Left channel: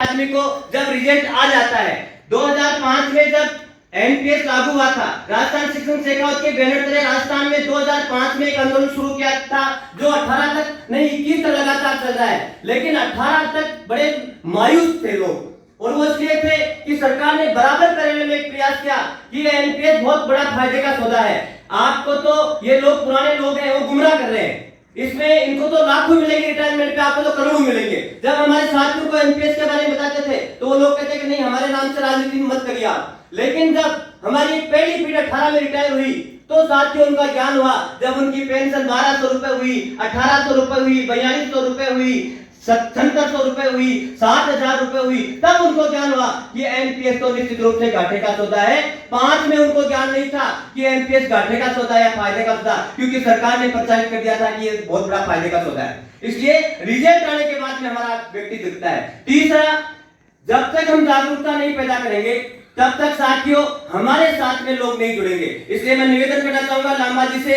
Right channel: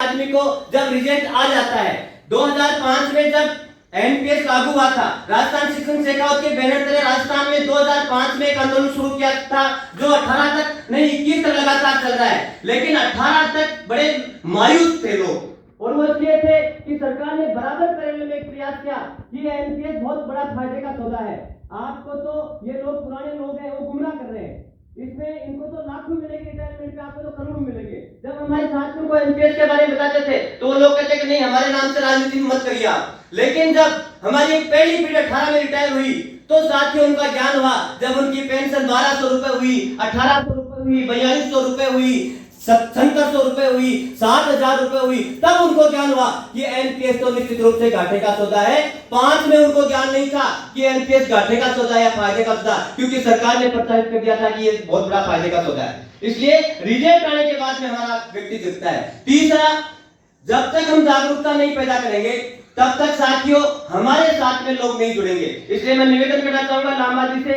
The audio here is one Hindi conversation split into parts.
आदमी को जब रिजल्ट आ जाता है। 2005 में जब एनपीएस लागू हुआ था, राजस्थान शिक्षण शेखावत के बैनर तले राजस्थान में 2005 में एक आंदोलन शुरू किया था जो 18 तक नहीं 21 तक लगातार चल रहा है। लेकिन 18 तक बड़े मायूस थे लोग और वो इसलिए थे कि सरकार ने बराबर करने में एक प्रयास किया कि एनपीएस बहुत बड़ा फायदे का सौदा है। आपको तो ये लोग पुराने लोग हैं वो गुमराह कर रहे हैं, इसमें इनको तो लाखों मिलेंगे रिटायरमेंट पे, आपको तो करोड़ों मिलेंगे। जब हमारे साथियों को एनपीएस के बारे में बताते थे तो वो लोग कहते कि नहीं हमारे नाम से राजनीति मत करिए आप। लेकिन जब हमारी पहली पीढ़ी 18 में रिटायर हुई तो साथियों उनका ज्ञान हुआ, जब उनकी पेंशन 1200 रुपए हुई, 1800 रुपए हुई, 4200 रुपए हुई, 7700 रुपए हुई, 60,000 रुपए हुई, तब उनको ज्ञान हुआ कि एनपीएस तो निश्चित रूप से घाटे का सौदा है। 5 में उनको ज्ञान नहीं था कि एनपीएस घाटे का सौदा या फायदे का सौदा, क्योंकि सरकार ने प्रचारित कर दिया था कि ये बहुत बड़ा फायदे का सौदा है। इसलिए रिजल्ट आने के बाद में हमारा व्यक्ति दिखता है। तीसरा, जब तक हम जागरूकता नहीं पैदा करेंगे तब तक साथियों हमारे साथ में लोग नहीं जुड़ेंगे। इसलिए मैं निवेदन करना चाहूंगा लांबा जी से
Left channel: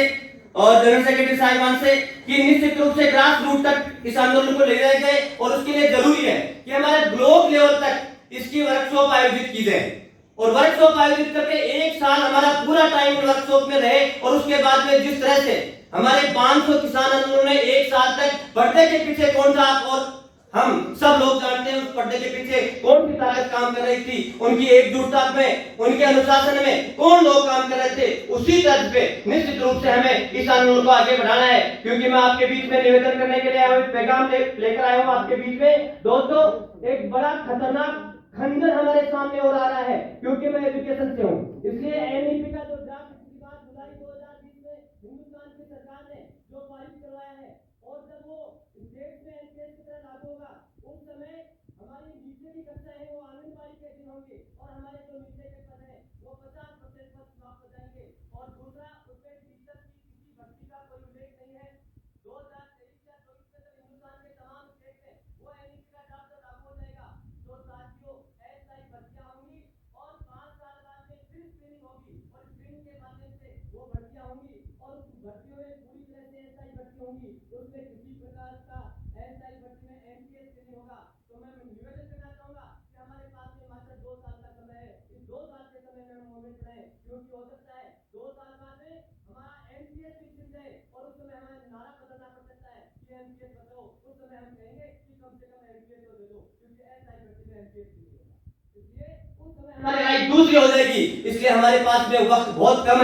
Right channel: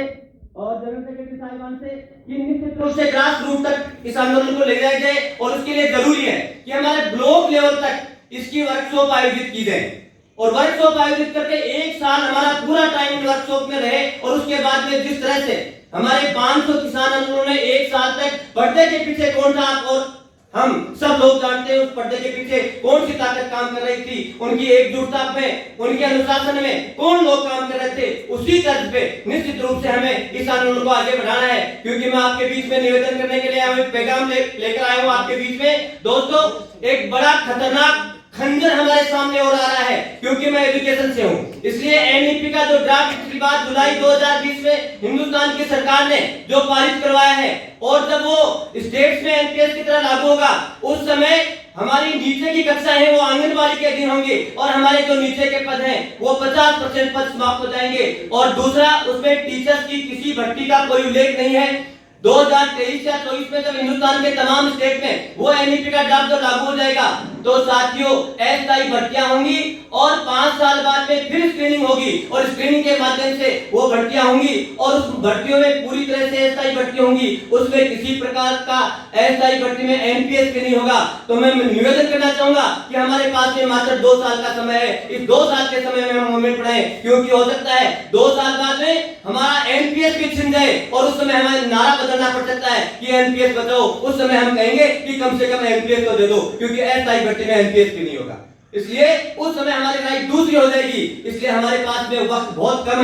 और जनरल सेक्रेटरी साहिबान से कि निश्चित रूप से ग्रास रूट तक इस आंदोलन को ले जाया जाए और उसके लिए जरूरी है कि हमारे ब्लॉक लेवल तक इसकी वर्कशॉप आयोजित की जाए और वर्कशॉप आयोजित करके एक साल हमारा पूरा टाइम वर्कशॉप में रहे और उसके बाद में जिस तरह से हमारे 500 किसान आंदोलन ने एक साल तक पर्दे के पीछे कौन था और हम सब लोग जानते हैं उस पर्दे के पीछे कौन सी ताकत काम कर रही थी, उनकी एकजुटता में, उनके अनुशासन में कौन लोग काम कर रहे थे, उसी तर्ज पे निश्चित रूप से हमें इस आंदोलन को आगे बढ़ाना है। क्योंकि मैं आपके बीच में निवेदन करने के लिए एक पैगाम लेकर आया हूं आपके बीच में। दोस्तों, एक बड़ा खतरनाक खंजर हमारे सामने और आ रहा है, क्योंकि मैं एजुकेशन से हूं। इसलिए एनईपी का जो ड्राफ्ट पिछली बार जुलाई 2020 में हिंदुस्तान की सरकार ने जो पारित करवाया है और जब वो स्टेट्स में एनपीएस की तरह लागू होगा उस समय हमारी नीचे की कक्षा है वो आंगनबाड़ी के अधीन होंगी और हमारे जो नीचे के पद हैं वो 50% पद समाप्त हो जाएंगे। और दूसरा, उसमें टीचर्स की किसी भर्ती का कोई उल्लेख नहीं है। 2023 या 24 में जब हिंदुस्तान के तमाम स्टेट में वो एनईपी का ड्राफ्ट जब लागू हो जाएगा तो साथियों अस्थायी भर्तियां होंगी और 5 साल बाद में फिर स्क्रीनिंग होगी और स्क्रीनिंग के माध्यम से वो भर्तियां होंगी और उस भर्तियों में पूरी तरह से अस्थायी भर्ती होंगी, उसमें किसी प्रकार का अस्थायी भर्ती में एनपीएस नहीं होगा। तो मैं निवेदन करना चाहूंगा कि हमारे पास में मात्र 2 साल का समय है, इस 2 साल के समय में हम मूवमेंट बढ़ाएं, क्योंकि हो सकता है 2 साल बाद में हमारा एनपीएस भी छिन जाए और उस समय हमें नारा बदलना पड़ सकता है कि एनपीएस बचाओ। उस समय हम कहेंगे कि कम से कम एनपीएस तो दे दो, क्योंकि अस्थायी भर्ती में एनपीएस भी नहीं होगा। इसलिए उस समय हमारी राय दूसरी हो जाएगी। इसलिए हमारे पास में वक्त बहुत कम है।